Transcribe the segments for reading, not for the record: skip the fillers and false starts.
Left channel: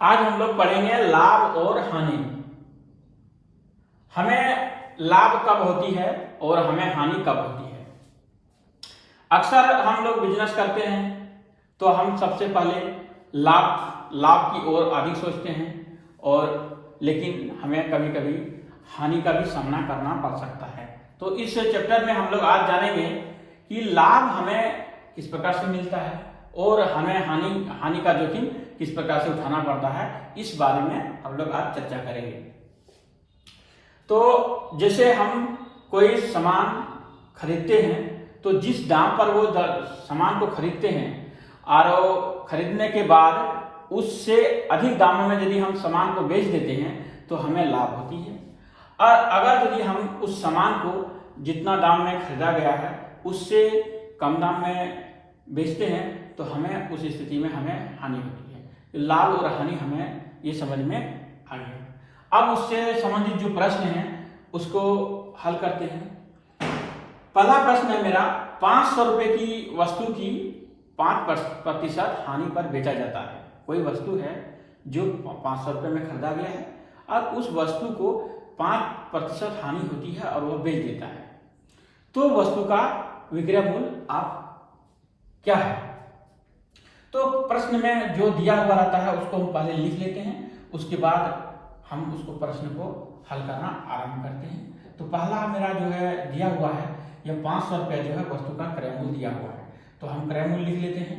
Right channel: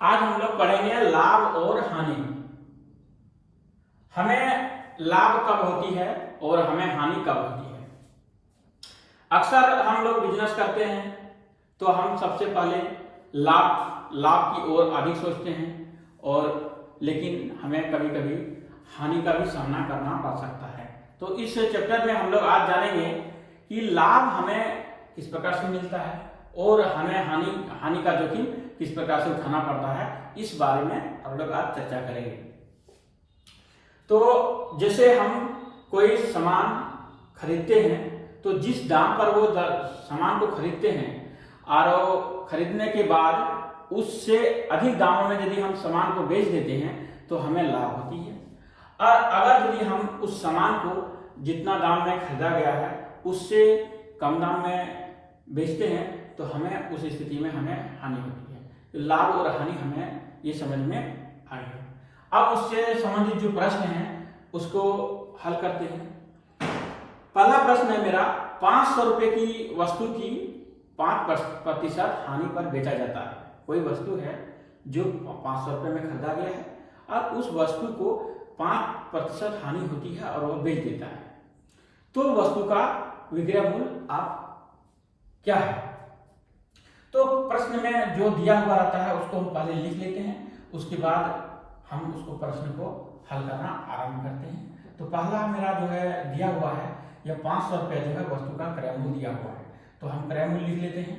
आज हम लोग पढ़ेंगे लाभ और हानि। हमें लाभ कब होती है और हमें हानि कब होती है। अक्सर हम लोग बिजनेस करते हैं तो हम सबसे पहले लाभ की ओर अधिक सोचते हैं, और लेकिन हमें कभी कभी हानि का भी सामना करना पड़ सकता है। तो इस चैप्टर में हम लोग आज जानेंगे कि लाभ हमें किस प्रकार से मिलता है और हमें हानि का जोखिम किस प्रकार से उठाना पड़ता है। इस बारे में हम लोग आज चर्चा करेंगे। तो जैसे हम कोई सामान खरीदते हैं तो जिस दाम पर वो सामान को खरीदते हैं और खरीदने के बाद उससे अधिक दामों में यदि हम सामान को बेच देते हैं तो हमें लाभ होती है। और अगर यदि हम उस सामान को जितना दाम में खरीदा गया है उससे कम दाम में बेचते हैं तो हमें उस स्थिति में हमें हानि होती है। तो लाभ और हानि हमें ये समझ में आ गया। अब उससे संबंधित जो प्रश्न है उसको हल करते हैं। पहला प्रश्न है मेरा, 500 रुपए की वस्तु की 5% हानि पर बेचा जाता है। कोई वस्तु है जो 500 रुपए में खरीदा गया है और उस वस्तु को 5% हानि होती है और वह बेच देता है, तो वस्तु का विक्रय मूल्य आप क्या है। तो प्रश्न में जो दिया हुआ रहता है उसको हम पहले लिख लेते हैं, उसके बाद हम उसको प्रश्न को हल करना आरंभ करते हैं। तो पहला मेरा जो है दिया हुआ है यह 500 रुपये जो है वस्तु का क्रय मूल्य दिया हुआ है, तो हम क्रय मूल्य लिख लेते हैं।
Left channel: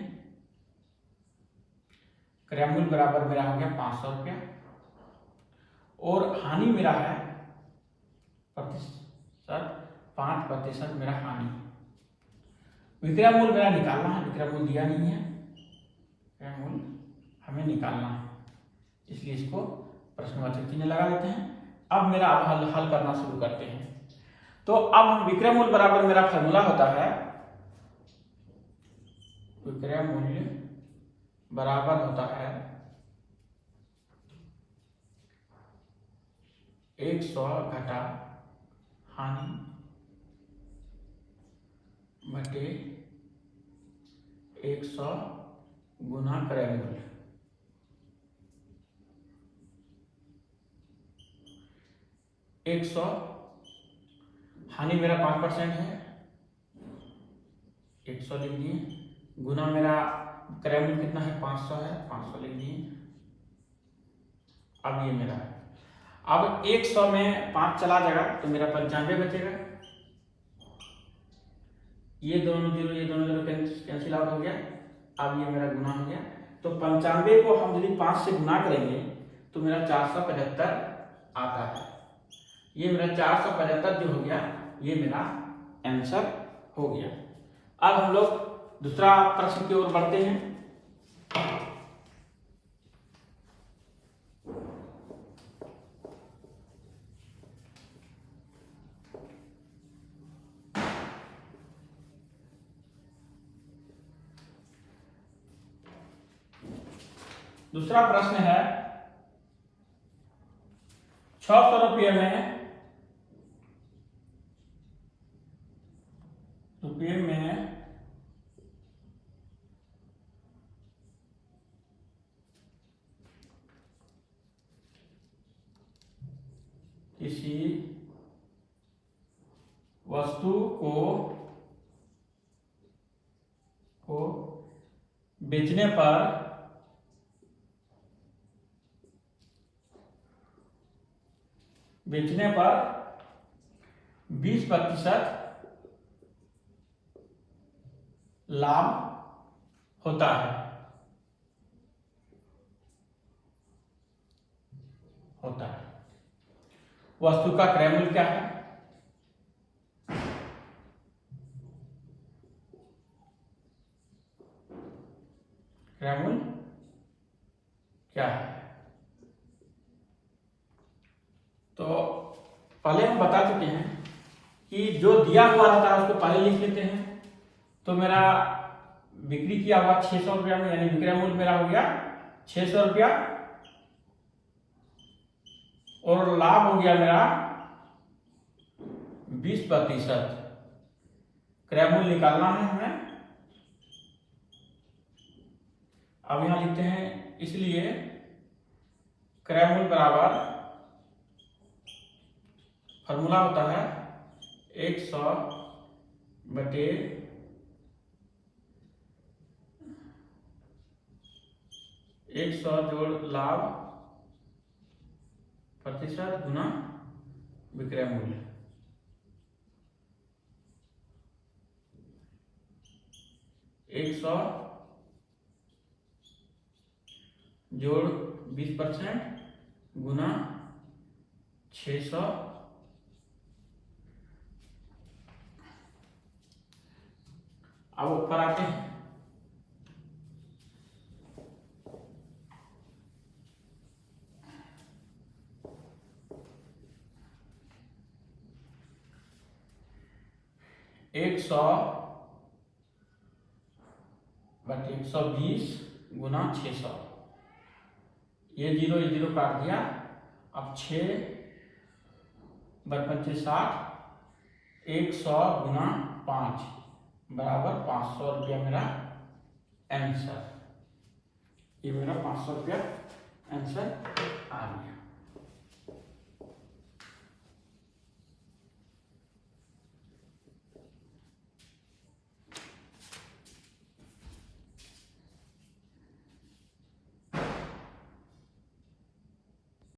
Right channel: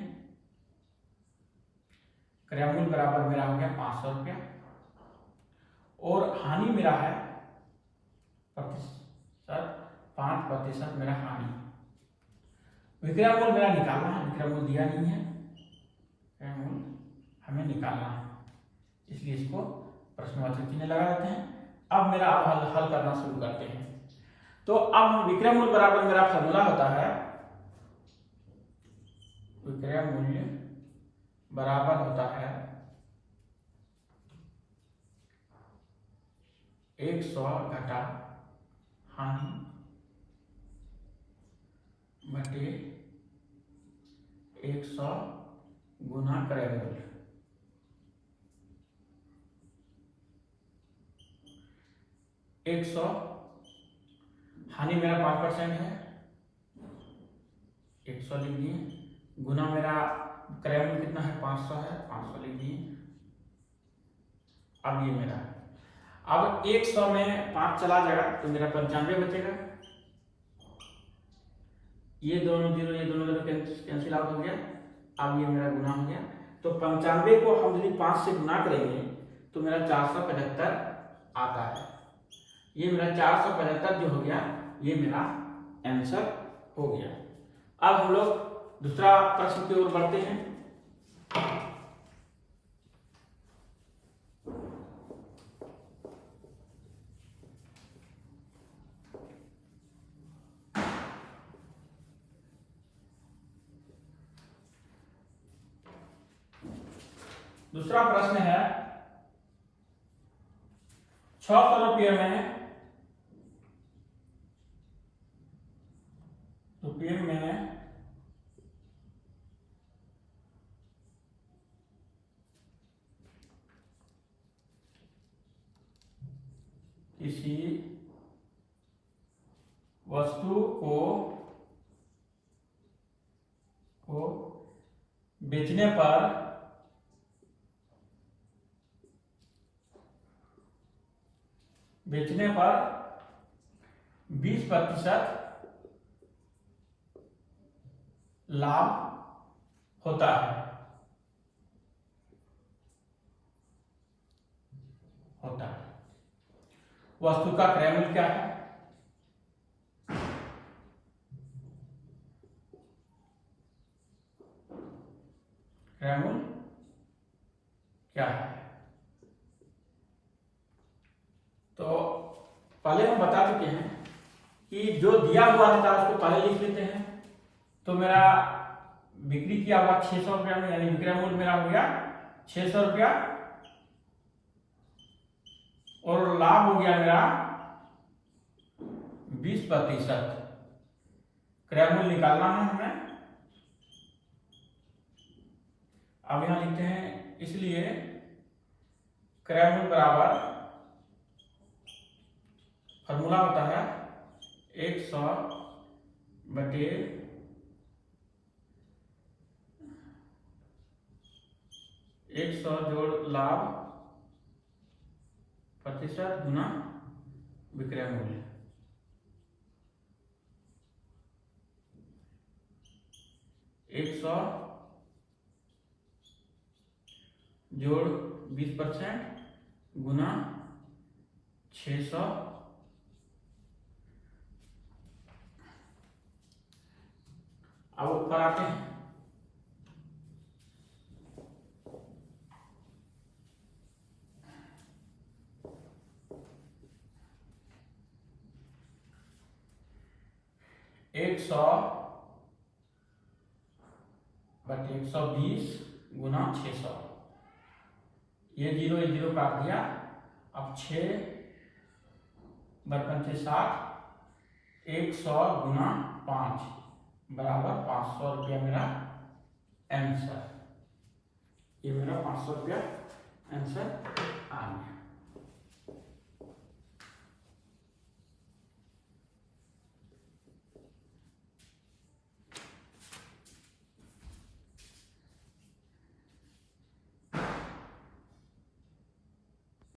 क्रय मूल्य बराबर मेरा हो गया 500 रुपया और हानि मेरा है प्रतिशत 5% मेरा हानि। विक्रय मूल्य मेरा निकालना है, विक्रय मूल्य दिया नहीं है, विक्रय मूल्य हमें निकालना है, इसलिए इसको प्रश्नवाचक चिन्ह लगा देते हैं। अब मेरा हल करना शुरू करते हैं। तो अब हम विक्रय मूल्य बराबर मेरा फॉर्मूला होता है, विक्रय मूल्य बराबर होता है 100 घटा हानि बटे 100 गुना क्रय मूल्य। एक सौ हानि मेरा 5% है, 100 लिख दिए, गुना मेरा क्रय मूल्य कितना है 500 है, 500 लिख दिए। अब ये मेरा अब 100 में 5 चला जाएगा तो मेरा 95 बचेगा। ये दोनों जीरो कैंसिल आउट हो गया। अब ये मेरा गुना हो गया, तो 95 को हम यदि 5 से गुना करेंगे तो मेरा 475 आता है। ये मेरा 475 जो हो गया ये मेरा आंसर हो गया। अब हम लोग दूसरा प्रश्न की ओर बढ़ते हैं। दूसरा प्रश्न है 600 रुपये में किसी वस्तु को बेचने पर 20% लाभ होता है। वस्तु का क्रय मूल्य क्या है? क्रय मूल्य क्या है? तो पहले हम बता चुके हैं कि जो दिया हुआ रहता है उसको पहले लिख लेते हैं। तो मेरा बिक्री किया हुआ 600 रुपया में, यानी विक्रय मूल्य मेरा हो गया 600 रुपया और लाभ हो गया मेरा 20%। क्रय मूल्य निकालना है हमें। अब यहां लिखते हैं, इसलिए क्रय मूल्य बराबर फॉर्मूला होता है 100 बटे 100 जोड़ लाभ प्रतिशत गुना विक्रय मूल्य। एक 100 जोड़ 20% गुना 600। अब ऊपर आते हैं। एक 100 बटे 120 गुना 600। ये 0 काट दिया। अब 6 बटे 60 100 गुना 5 बराबर 500 रुपया मेरा आंसर। ये मेरा 500 रुपया आंसर आ गया।